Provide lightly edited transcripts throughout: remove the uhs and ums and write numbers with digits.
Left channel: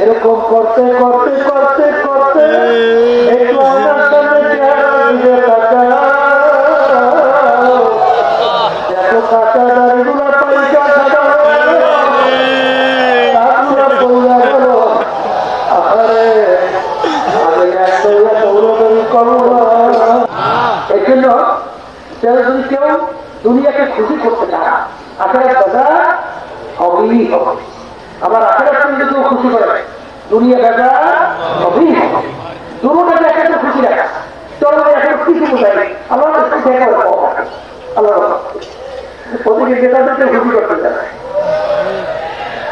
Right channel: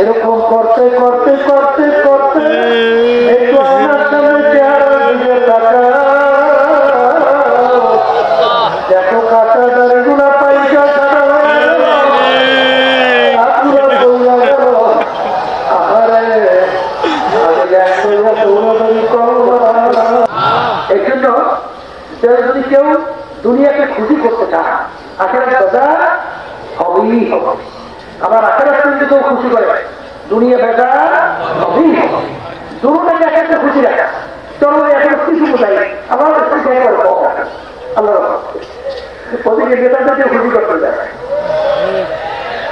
এরকম করতে করতে করতে করতে কেউ দুনিয়াকে খুশি করতে চায় আখেরাত বাজার হবেই হবে। আবার আখেরাত যদি কেউ খুশি করে দুনিয়া বাজার হবেই হবে। দুটোটাকে একটা খুশি রাখা চলো একটা খুশি কোথায় আবার আল্লাহ ওদিকে বেদাকে খুশি করতে যায়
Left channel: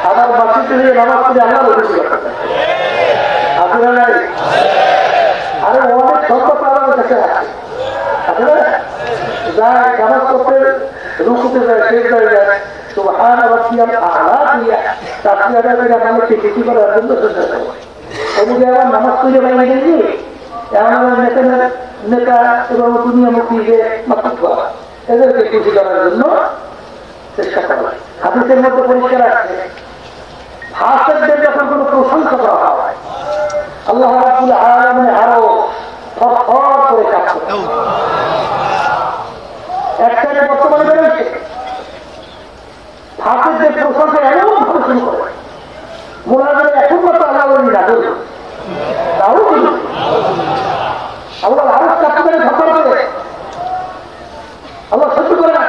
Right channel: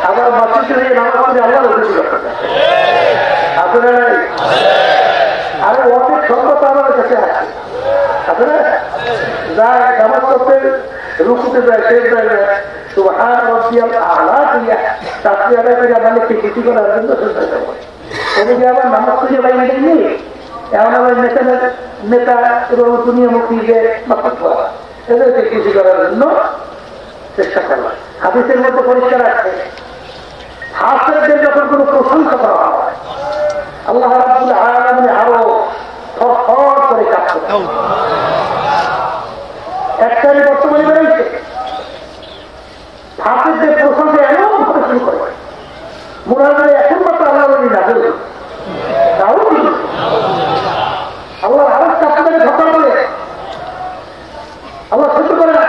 আবার মসজিদে নামাজ পড়ে আল্লাহ খুশি করতে আপনারা আর অনেক ছোট পাওয়া যাচ্ছে না আসলে যায় নামাজ পড়তে রুকুতে যায় শেষ যায় সুবহান রাব্বিয়াল আ'লা দিয়ে তাসবিহ করে আমাকে খুশি করার জন্য চেষ্টা করে এদিকে আবার নামাজ পড়ে বাইরে গিয়ে এমন নেতা এবং দুনিয়া মুক্তিকে মাফ করা এদেরকে খুশি করার জন্য চেষ্টা করা হাদিসের মধ্যে পরিষ্কার আছে হাসেরদের যখন কোনো প্রশংসা করা হয় আল্লাহ রাব্বুল আলামিন আরো ফখর করে কাজ করে একটাই বর্তমানে বেড়েছে হাসেরদের প্রশংসা এমন প্রশংসা করে মোরাদের এখন মতো আল্লাহ না তাও আল্লাহ আপনাদের ঘটনা করে আল্লাহ সহ্য করে না।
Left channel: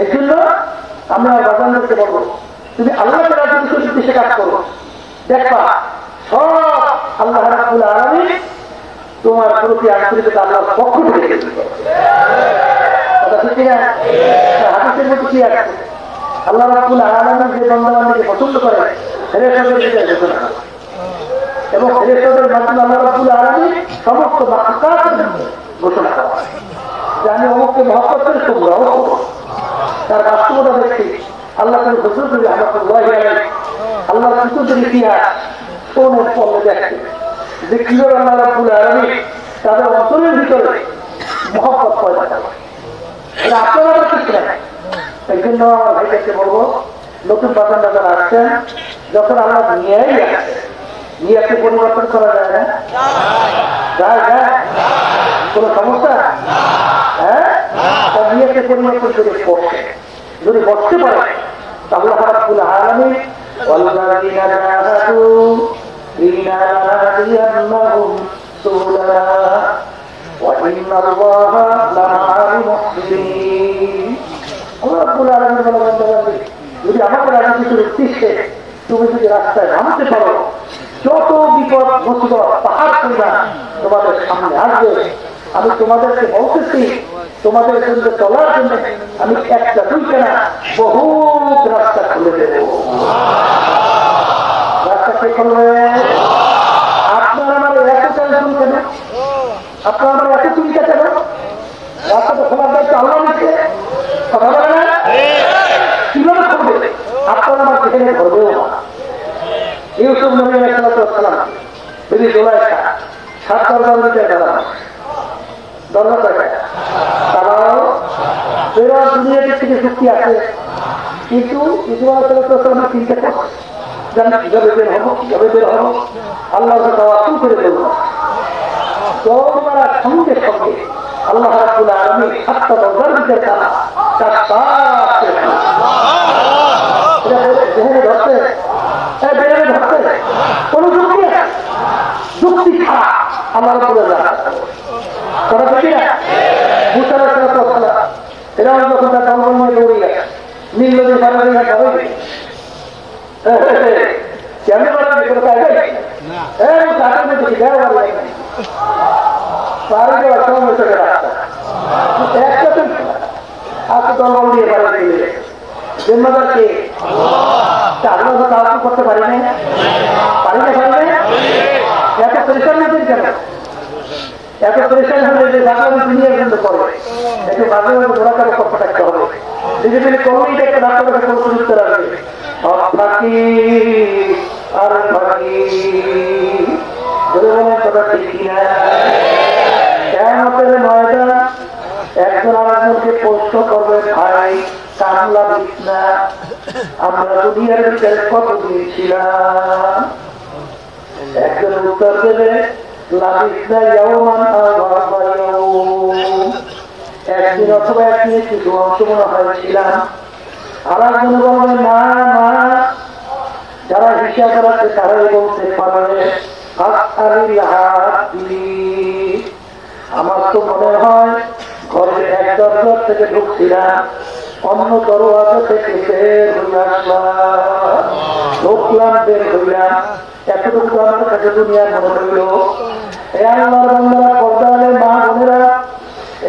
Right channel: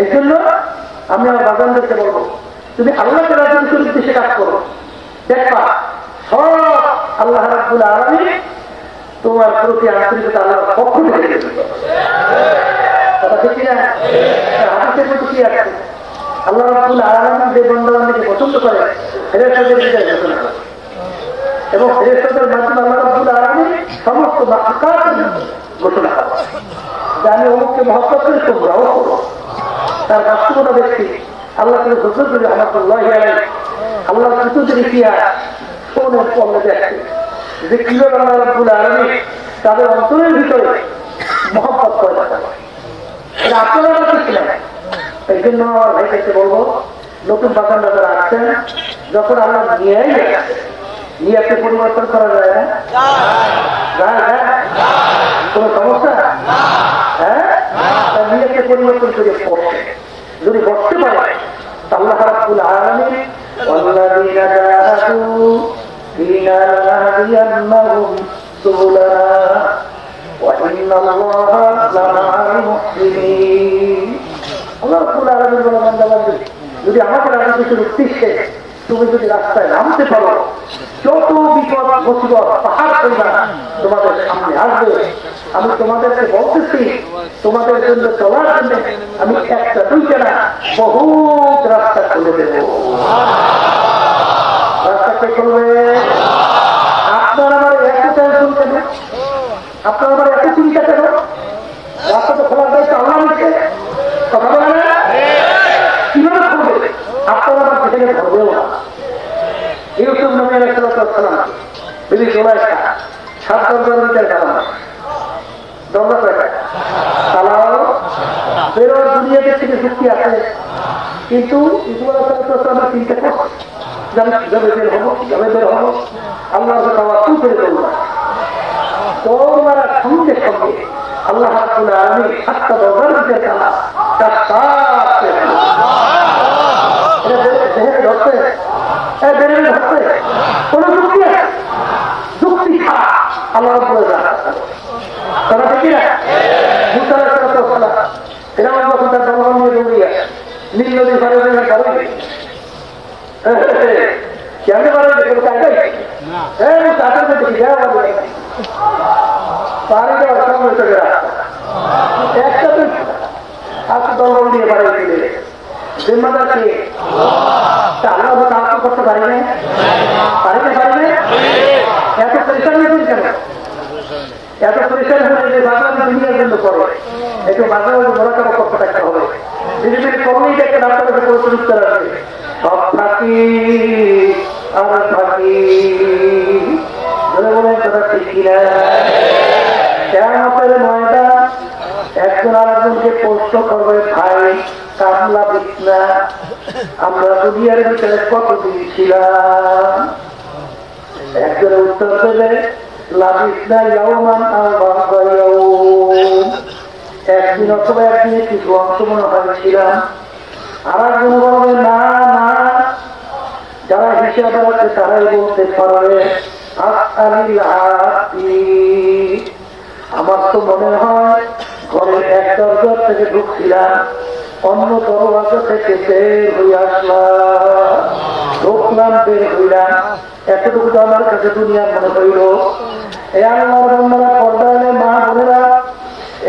এই জন্য আমরা বাজানকে বলবো তুমি আল্লাহ উদ্দেশ্যে কাজ করো দেখবা সব আল্লাহ রাব্বুল আলামিন তোমার প্রতি আন্তরিকতা আল্লাহর পক্ষ থেকে দেবে। কথা ঠিক না? হাদিসের মধ্যে কি আছে আল্লাহ রাব্বুল আলামিন যে বান্দাকে পছন্দ করে এবং ফেরেশতাদের মাধ্যমে আল্লাহ রাব্বুল আলামিন সমস্ত মাখলুকাত ঘোষণা করেন জানি অমুককে মহব্বত করে তোমরাও তার বাস্তবতা দেখছি আল্লাহ তাআলা হুজুর রাহমাতুল্লাহি আলাইহি আল্লাহ রাসূলের ইতিহাস শোনার পর দেখছি যে কিভাবে আল্লাহ রাব্বুল আলামিন তাদের অন্তরের ভিতরে মহব্বত করে পাঠায় এটা আপনারা কিছু না। এই জন্য ভাইকে বলবো নতুন বাগান যারা আসছেন যখন আমরা নিয়ে নিয়েতে পরিবর্তন করা যায় না কোন সমস্যা হ্যাঁ নিয়েতে পরিবর্তন করে বসে যদি বসতে পারে আল্লাহ রাব্বুল আলামিন والذين جاهدوا فينا لنهدينهم سبلنا وإن الله لمع المحسنين আল্লাহ রাব্বুল আলামিন বলেন যদি আমার রাস্তা দেখতে তুমি যদি রাস্তায় নামতে পারো যত বিপদ মুসিবত পাহাড় তোমাদের সামনে আসবে আমি তোমাদেরকে বলতেছি তোমাদের জন্য চলার জন্য আমি একটা দুইটা না বহুত রাস্তা খুলে দেব। রাস্তাটা খুলবে আপনারা এত টেনশন কেন আপনারা এত চিন্তা কেন রাস্তাটা খোলা দায়িত্ব আল্লাহ নিচ্ছে কথা বলে না কিভাবে খুলবে আপনারা সেখানে ধরবেও না ইউসুফ নবী আলাইহিস সালাম যদি জোড়ায় সাত দরজাতে গেলাম দরজা চালাও ফেরার দুনিয়াতে থেকে শক্তি আছে কিন্তু ইউসুফ আলাইহিস সালাম চিন্তা করে আল্লাহ করে দেব তোমরা সঙ্গে সঙ্গে আল্লাহ রাব্বুল আলামিন সাতটা দরজার ভিতরে করতে পারি না এত পরিষ্কার হবে যে বাংলা দুনিয়ার জন্য চলে এতে বাংলা জোড়াতার কথা হবে বিশেষ করে কমিটি একটা নাটকের উপযুক্ত রাখবে আপনাকে আর বাকি একজন আরেকজনকে প্রশ্ন করবে ভাই কামলা বিছনা আমরা দুনিয়ার ভিতরে কত দিয়েছিলাম? একজন উত্তর দেবে একদিন অথবা একদিনে কিছু অংশগ্রহণ হয়েছিলাম। আমার বন্ধু না যারা হিসাব করাচ্ছে তারাই বলতে পারে। আমার তো মনে হয় ঘরের এক দরজা থেকে ঢুকছিলাম, অন্য দরজা থেকে বের হয়ে আসলাম, ঢুকলাম বের হইলাম। এতটুকু আমার কাছে দুনিয়ার মনে হইল। আমার বন্ধুরা পর্দারে মা বোনেরা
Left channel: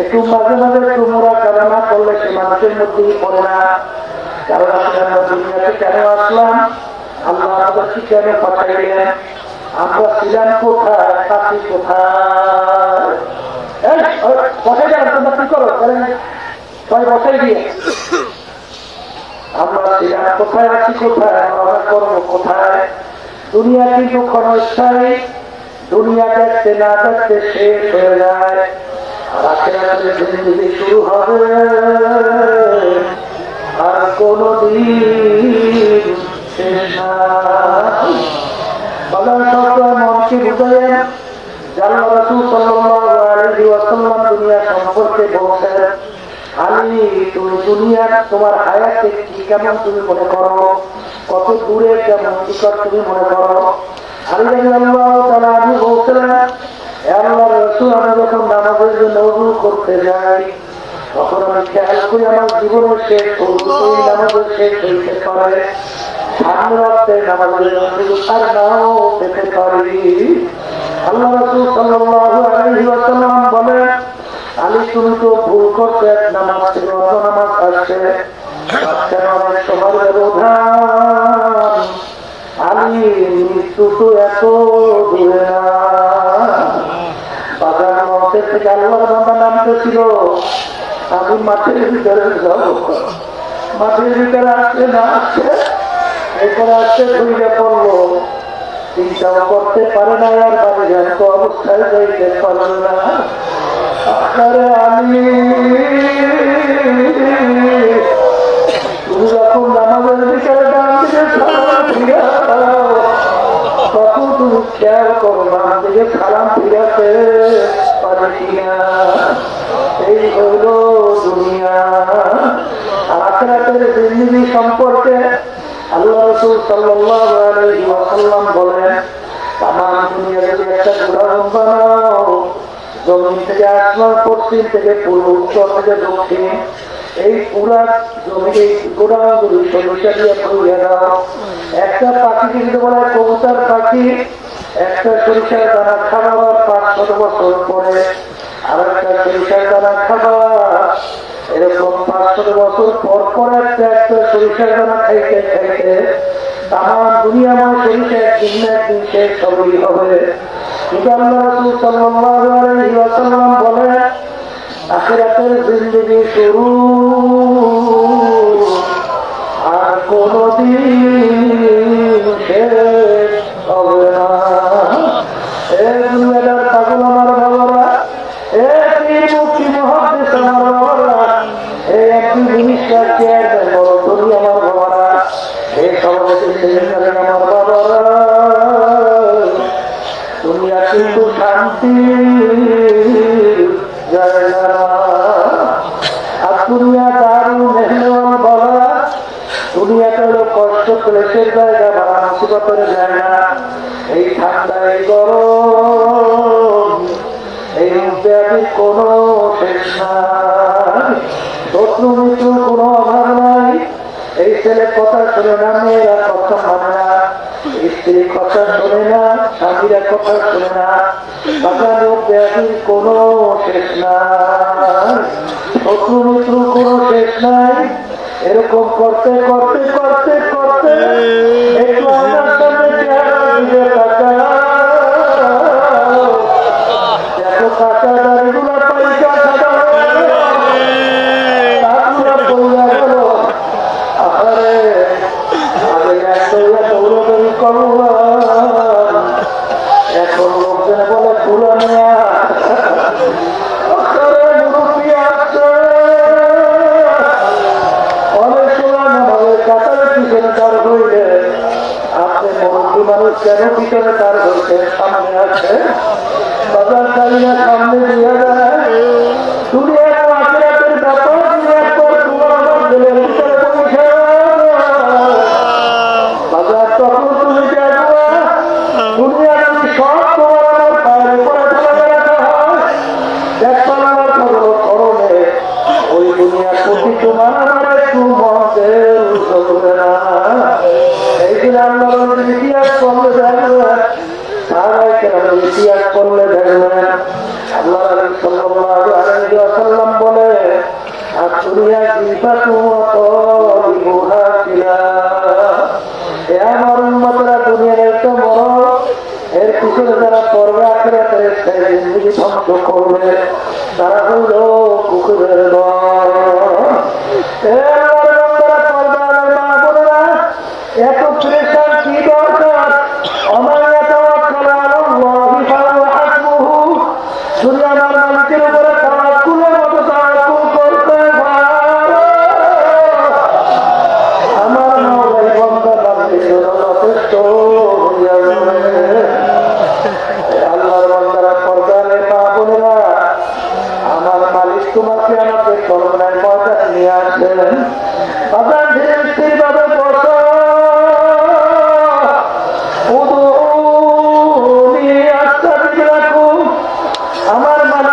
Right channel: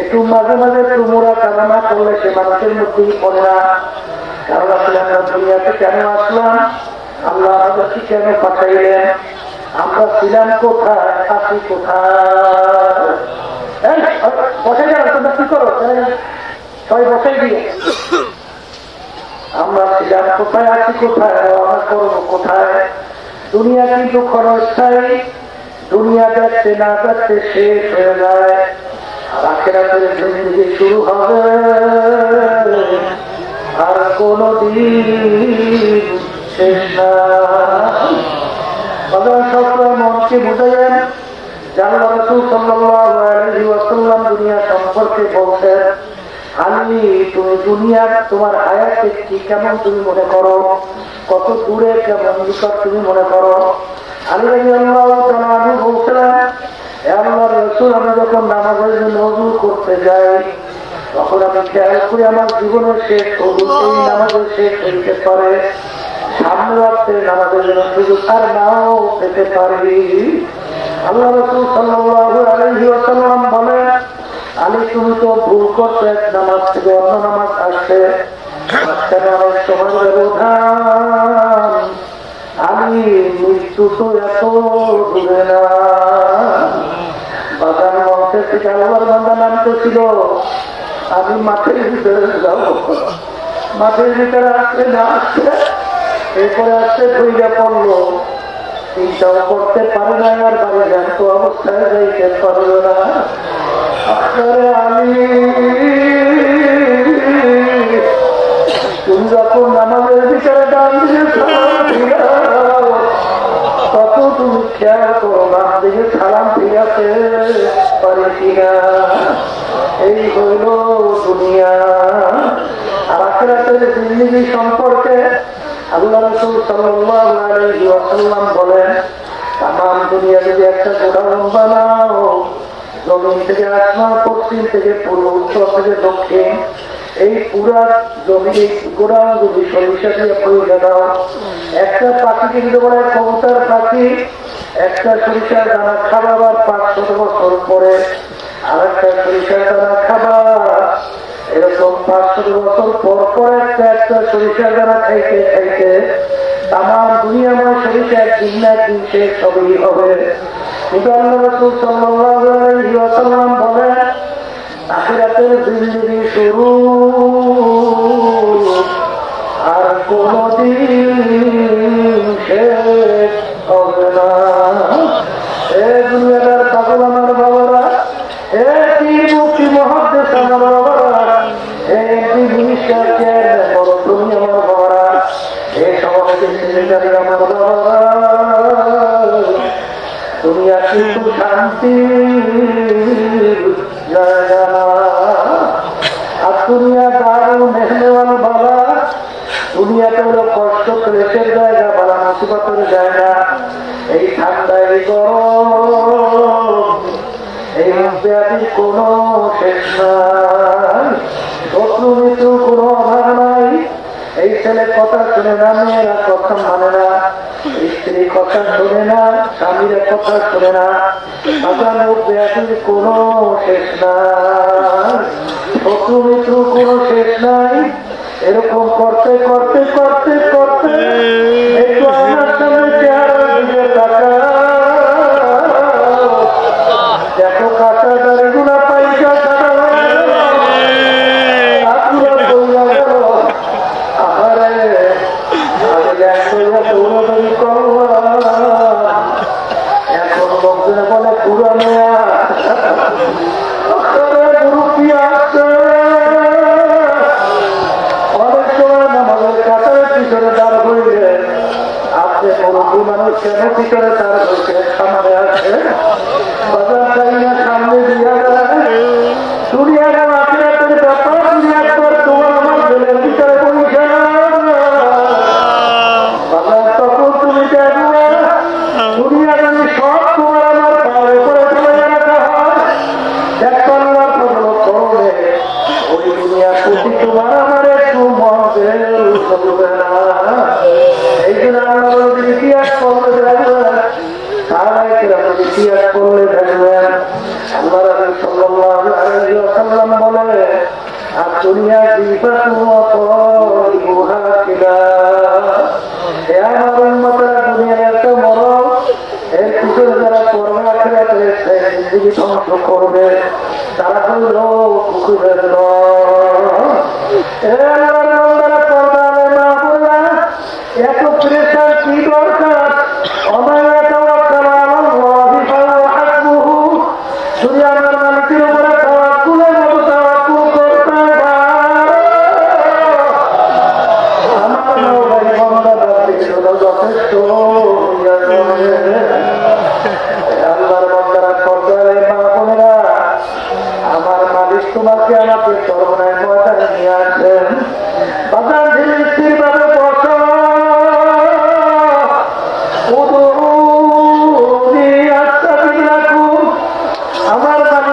একটু মাঝে মাঝে তোমরা কারণা করলে সে মানুষের মধ্যেই পড়া। দুনিয়াতে কেন আসলাম? আল্লাহ আমাদেরকে কেন পাঠাইলেন? আমরা ছিলাম কোথায়? আছি কোথায়? আমরা ছিলাম কোথায়? আছি কোথায়? আমার কর্ম কোথায়? দুনিয়া কিন্তু ক্ষণস্থায়ী। দুনিয়া যাচ্ছে না যাচ্ছে শেষ হয়ে যায়। শুরু হবে আর কোনদিন শেষ না। মনকে বুঝলেন জানা রাসূল সাল্লাল্লাহু আলাইহি ওয়াসাল্লাম দুনিয়া সম্পর্কে বলছেন, আমি তো দুনিয়া তোমার হায়াতে কি কেমন তুমি মনে করো, কত দূরে কেমন নিকট তুমি মনে করো। আল্লাহ তাআলা বলছেন, আল্লাহ রাসূল আমরা যখন নামাজের জন্য ওযু করতে যাই তখন আমি খেয়াল করি আমার জীবনের শেষ ওযুতেই নামাজের শেষ হইতে পারে, সামনে রাখতে নামাজের জন্য তার নাও পেতে পারি। আল্লাহ রাসূল সাল্লাল্লাহু আলাইহি ওয়াসাল্লাম বলেন, আমি তুমি তো ভুল করতে এক নামাজ ছিল, নামাজ আসছে তোমার ব্যবধান, আমি মৃত্যু তো এত নামতেছিল, আমি মাঠের ভিতরে যাব, মাঠের ভিতরে আসতে না আসতে এখানে আসতে দুইটা করলো, চিন্তা করতে পারে না আর তাহলে এত অবস্থায় যেতে পারবে না। আমি তুমি যখন নামাজের বিচারে তখন তুমি খেয়াল করো আমাদেরকে খারাপ ফিরাতে পারে কিনা। এই হইল দুনিয়া। আখিরাতের জিন্দেগি সম্পর্কে আল্লাহ রাসূল সাল্লাল্লাহু আলাইহি ওয়াসাল্লাম বলেন, তামাম দুনিয়া যদি একটা উদাহরণ বানাও, জমিন থেকে আসমান, পশ্চিম থেকে পূর্ব, উত্তর থেকে দক্ষিণ, এই পুরা জমি পুরা যদি সরিষা দিয়ে পড়ে নাও, একটা পাখি কিন্তু বলে কবুতর পাখি একটা সরিষার দানা খাবার 500 বছর পরে আর একটা সরিষার দানা খাবার এরকম 500 বছর পর পর একটা সরিষার দানা খাইতে খাইতে তামাম দুনিয়া সরিষা একদিন না একদিন শেষ সবই হবে। কিন্তু আল্লাহ রাসূল সাল্লাল্লাহু আলাইহি ওয়াসাল্লাম বলেন, আখিরাতের জিন্দেগি শুরু আর কোনদিন শেষ হবে না। এই দুনিয়ার পাগল আমার বাবারা, এই মুক্তি মহাদেশ আমার বাবারা, এই বিশ্বাসের দুনিয়া আমার বাবারা, এই সমাজের চিন্তার আমার বাবারা, দুনিয়া কিন্তু শান্তি দুনিয়া দারুণ মেহমান বাবা, দুনিয়াটা হলো কষ্ট ক্লেশের জায়গা, মানসিকতার জায়গা। এই ঠান্ডায় গরম, এই ব্যাধি কোনো শেষ নাই, শত্রু মৃত্যুর কোনো অভাব নাই। এই ছেলে কথা শুনে না, মেয়েরা কথা শোনে না, স্ত্রী কথা শোনে না, স্বামীরা কথা শোনে না, ব্যাধির কোনো শেষ নাই, শত্রু মৃত্যুর কোনো শেষ নাই। এরকম করতে করতে করতে করতে অনেক সময় তারা হলো কুকুরের এত প্রেশার কি দরকার আমার এত শুধু আমার মানুষের উপরে তাওয়াক্কুলের মতো তাওয়াক্কুল করতে আমার তোমাকে আমাকে করোনায় মজা নিয়ে আসেন আমার আমার মালিকের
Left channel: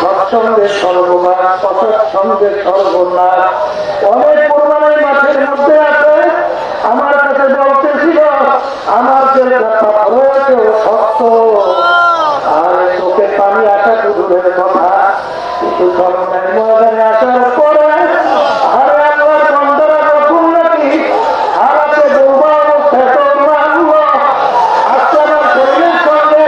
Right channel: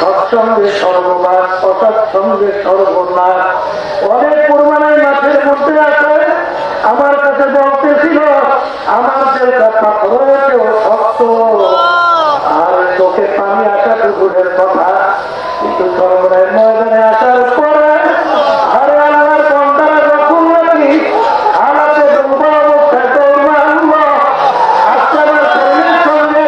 সৎসঙ্গে সর্বনাশ অসৎসঙ্গে সর্বনাশ অনেক পরিমাণের মাঠের মধ্যে আছে আমার কাছে বলতে ছিল আমার যে রয়েছে ও শক্ত আর চোখে পানি আসা কুকুরের কথা কিছু ধরনের ময়দানে আসার পরে আরে আমার সন্তানের রকুল নাকি হারাতে ডুবা মুখে দৌড়ানো আপনারা ছেলের সঙ্গে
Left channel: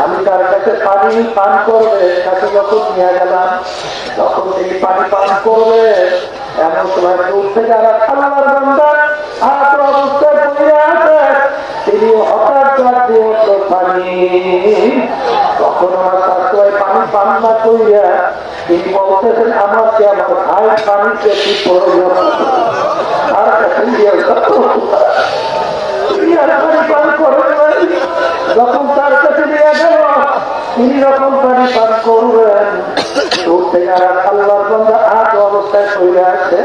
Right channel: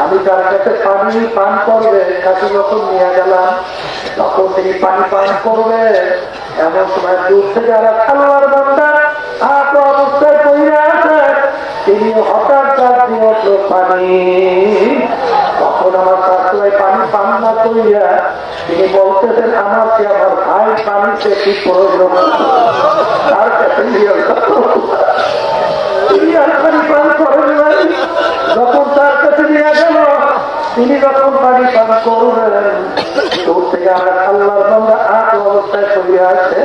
আমি তার কাছে পানি পান করবে তাকে যখন নিয়ে গেলাম তখন তিনি পানি পান করবে এমন সময় উঠতে যারা খাওয়ার মধ্যে হাত অবস্থায় পড়ে আছে তিনি হঠাৎ পানি কখন আমার পানি পান না করিয়া তিনি বলতেছেন আমাকে আমার ভাই পানিতে কি প্রয়োজন যখন তার কাছে নিয়ে গেল তিনি যখন পানি পান করবেন অবস্থায় চলে আছে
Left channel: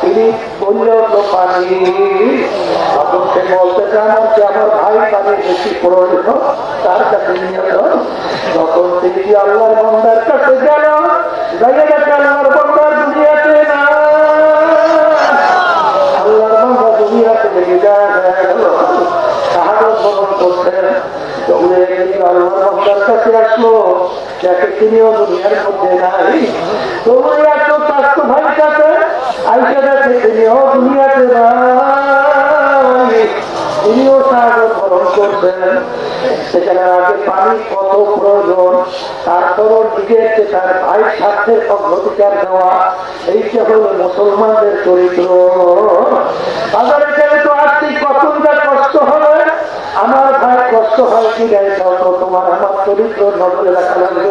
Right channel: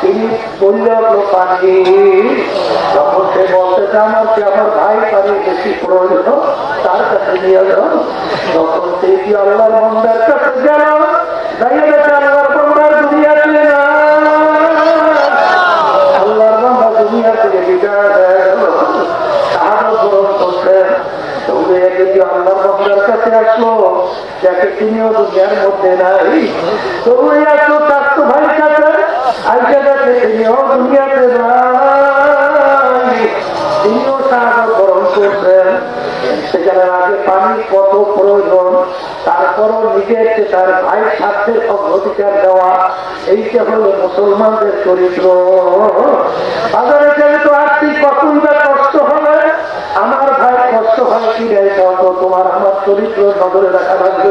তিনি বললেন পানি যখন সে বলতে চান যে আমার ভাই পানি বেশি প্রয়োজন তার কাছে নিয়ে গেল তখন তিনি আল্লাহর বান্দার কাছে গেল দাঁড়িয়ে আল্লাহর বান্দার দুনিয়াতে আল্লাহর বান্দা দুনিয়াতে তাহার বরণ করছেন আল্লাহর বান্দার কাছে আসলো যাকে তিনিও দুনিয়ার মধ্যে নাই তবু এত তার তো ভাই কাছে আইসা গেছে তিনিও দুনিয়াতে নাই তিনিও সাহায্য বরণ করছেন সেখানে আগে পানি কত প্রয়োজন তারপরও নিজের তার ভাই স্বার্থের অধিকার দেওয়া এইটা হলো মুসলমানদের চরিত্র বাজারে যেহেতু আর্থিক অসুবিধা কষ্ট হবে আমার ভাই কষ্ট হয় কি তোমার আমার চরিত্র নজরে রাখা লাগবে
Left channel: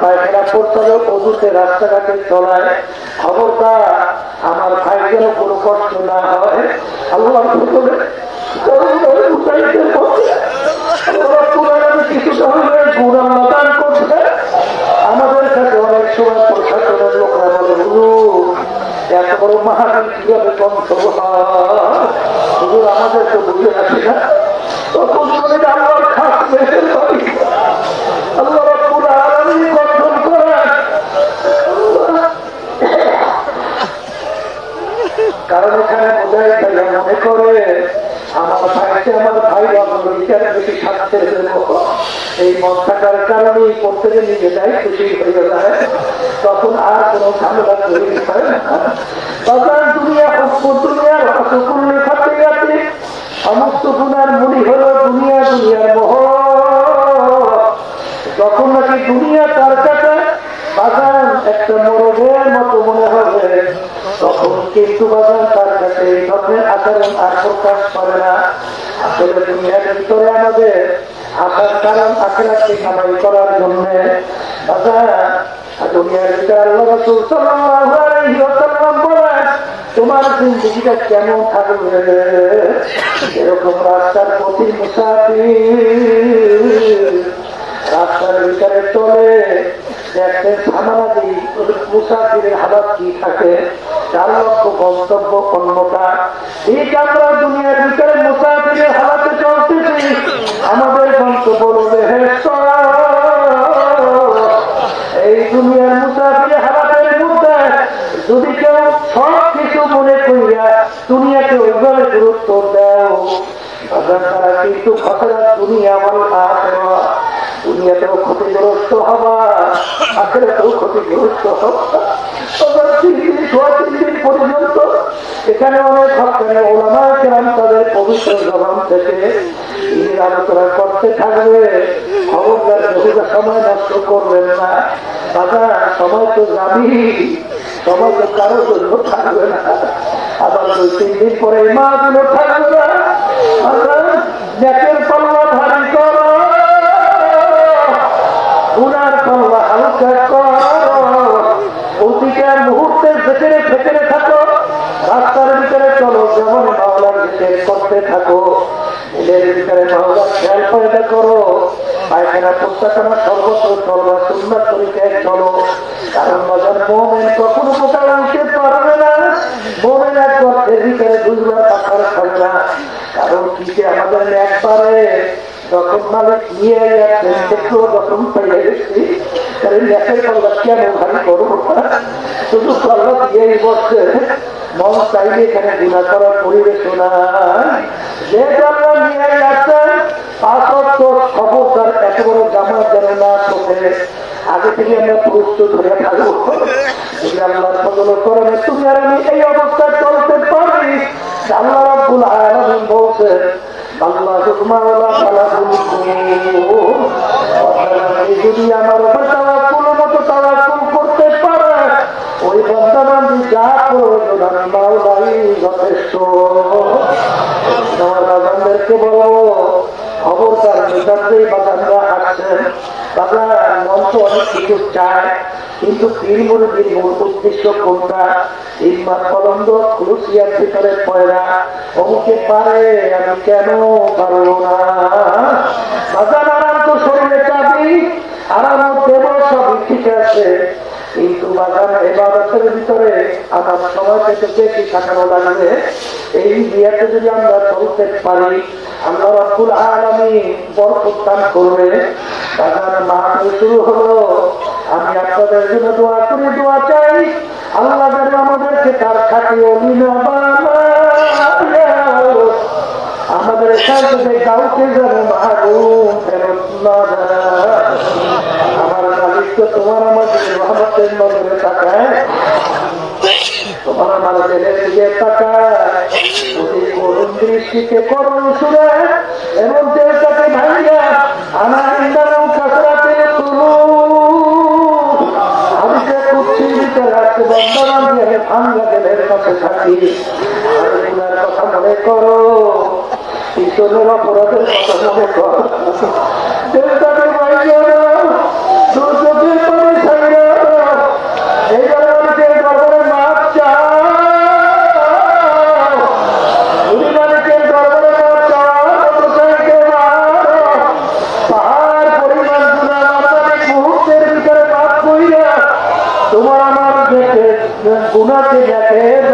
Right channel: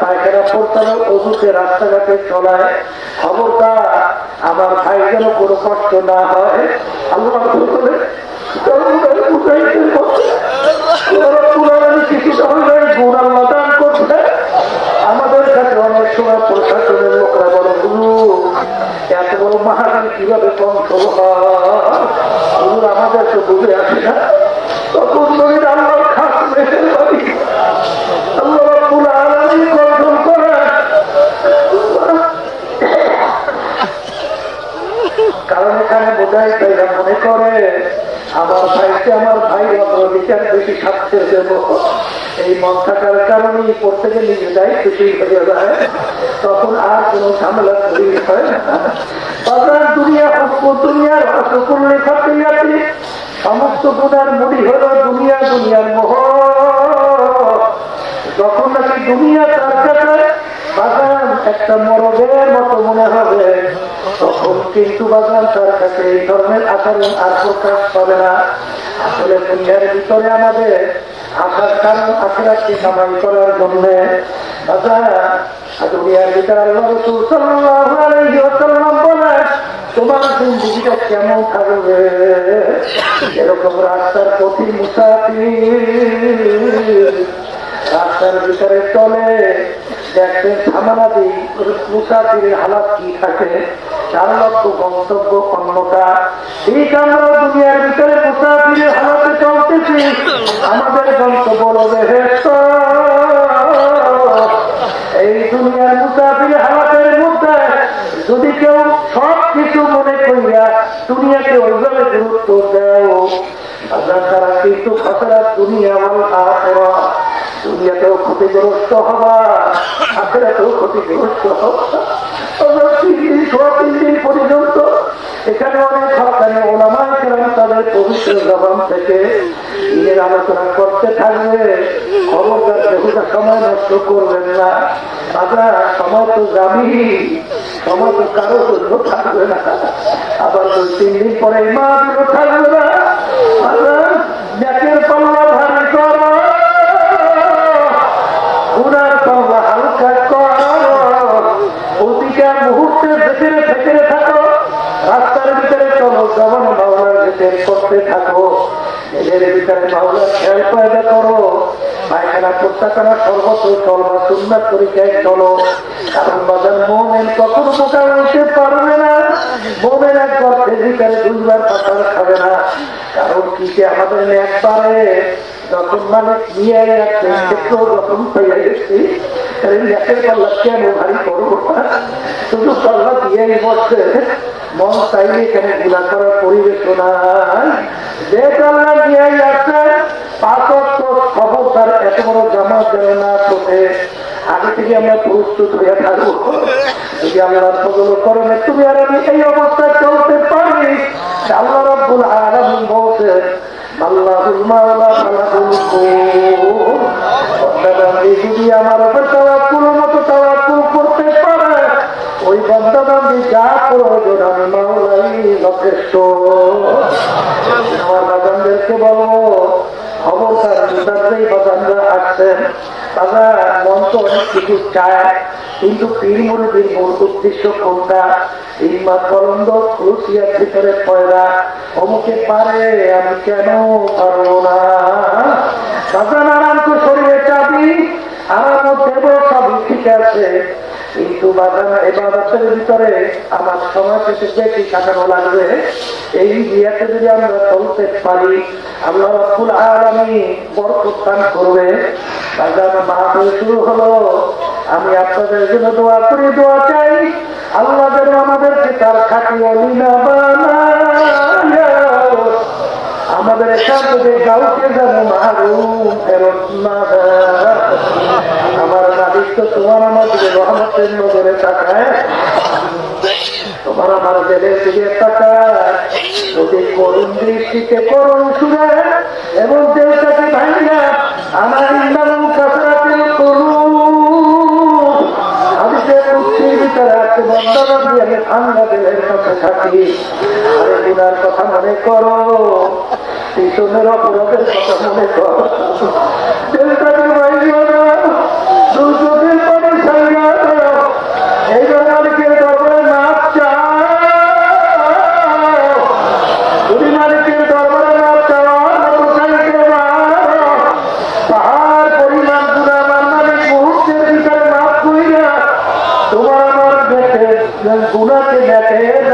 পায়খানা করতে হবে অবুতে রাস্তাঘাটে চলায় খবরটা আমার ভাইদের কোনো কষ্ট না হয় আমাদের অনেক সময় প্রশাসনের লোকরা বলে এত বড় মহারানী কিভাবে কন্ট্রোল হয় আমাদের তো বুঝে আসে না তখন আল্লাহর খারাপ আল্লাহ পুরো আলাদা কন্ট্রোল করে কারণ এখানে বোঝাই মনে করে আমার ভাই বেশি স্বার্থের জন্য এই মাথাটার কারণে করতে নিজে যায় খুশি হয়ে যায় তখন আর কোন ঝামেলা তৈরি হয় না দুনিয়ার খাতে গেছে সমস্ত গুণার মুড়ি হল দুনিয়ার মোহ যখন নাকি দুনিয়া তার কাছে বাগান একটা মরবের মতো মনে হবে তখন কিন্তু বাগান তার কাছে এই ধরনের আচরণ আর প্রকাশ করে না আসলে দুনিয়ার ভিতরে আমাদের আসার কারণ আখেরাতকে কামাই করার জন্য দুনিয়ার ভিতরে তোমার জিন্দিগিটা কেমন থাকবে এরকম রাস্তার প্রতি মুসাফির রাস্তার ভিতরে চলে দেখবেন থামাদি মুসাফিরের হালাত কি থাকে চার লক্ষ গন্তব্য অন্যটা এই কারণে দুনিয়ার ভিতরে মুসাফিরের হালাতে চলতেছি আমাদের গন্তব্য এই দুনিয়ার মুসাফিরের হালাতের মধ্যে যদি কেউ সব কিছু মনে করিয়া দুনিয়াকে ওইভাবে গুরুত্ব দেও কিন্তু দুনিয়া দুনিয়াতেও ক্ষতিগ্রস্ত হওয়া আখেরাতেও ক্ষতিগ্রস্ত পর্যন্ত এখানে অনেক সরকারের ওলামা কেরাম তাদের পবিত্র জবান থেকে আলোচনা করতে থাকবে সময় নষ্ট করবেন না সময় তো জানি সময় তো কারো জন্য থাকবে না আবার 2-3 দিন পরে মা দিন থাকবে না পল্লা ভারী কর মুহূর্তে ভেতরে ভেতরে থাকো রাস্তার ভিতরে চলো যেমন বাংলার ভিতরে করতে থাকো এদের ভিতরে বাংলার খেয়াল পয়দা করো পায়খানা প্রত্যাখানা সর্বত্র চলো সুন্দর তরিকায় চলো কারণ বাজার মোমেন কখন সকাল উঠতে পারবে না মোমেন একবার ভিতরে 2বার পাথর খাবে না কারণ কি আমাদের একবারে যখন মালিক নিয়ে যখন পেয়ে গেছি কেন ভারী করবো শুধু কল্লা দিয়ে বসছে মন চাইলে এখানে গুণা করার পরিবেশ নাই যে কল্লা নিয়ে আসছে 5 সহকার এত বড় জামা দেয় না চোখে আগে থেকে আমরা প্রস্তুত হয়ে থাকবো যদি আল্লাহ করবে তুমি আর আমি এই অবস্থায় চলতে পারি আল্লাহ রাব্বুল আলামিন বলছে আল্লাহুল মাওলা যদি আমার তাওয়াক্কুলের মতো তাওয়াক্কুল করতে পারে ওই বান্দাবান্দি যা প্রয়োজন মাওলাই যথেষ্ট আমাদেরকে তো অনেক কিছু চায়, কিন্তু পীর মূল উদ্দেশ্য কোনটা? ইমান বলন্দ রুসিয়ার ভিতরে পড়া অমুকে পারে, আমি কেন পারবো না? বাজার তো শরীরে চাবি, আর দেব সবই ঠিক আছে, কিন্তু বাগান এবাদতের ভিতরে আমার সময় থেকে বেশি কাটানো লাগবে। এই বিয়াতে যদি আমরা চলতে পারি, আল্লাহ রাব্বুল আলামিন বরকত দান করবে। বাগান মাহফিল শুরু হলো, আমি আপনাদের জন্য দোয়া করি, দোয়া চাই আল্লাহ যেন আমাদেরকে তার খাঁটি ওলি না বানায়, আমাদের সাথে কাউকে যেন মাহরুম ফেরত না দেয়। আমার মালিক তো তোমার আমাদের রহমতের নজরে তাকায়, তোমার আমাদের দিকে তাকায়, যদি করুণ দৃষ্টিতে করুণ সুরে এবং দেশটাকে ভাঙিয়া আমার ইন্দন কাছরাতে করুন, আমি যে মুক্তির ভিতরে আছে বন্ধন দিয়ে ভাঙ্গা দেবের কাছে থাকি, কথা মনে করো, পিছনের অপরাধের কথা মনে করো, দেশটাকে ভাঙিও না, দুর্যোগের পরে ছাড়িয়া এই জনকে দরবারে মাপ চাও, যদি মানুষকে দরবারে মাপ চাও, পাহাড় পরিমাণ মুহূর্তের ভিতরে মাপ করিয়া তোমার আমার গুণাকে দেখে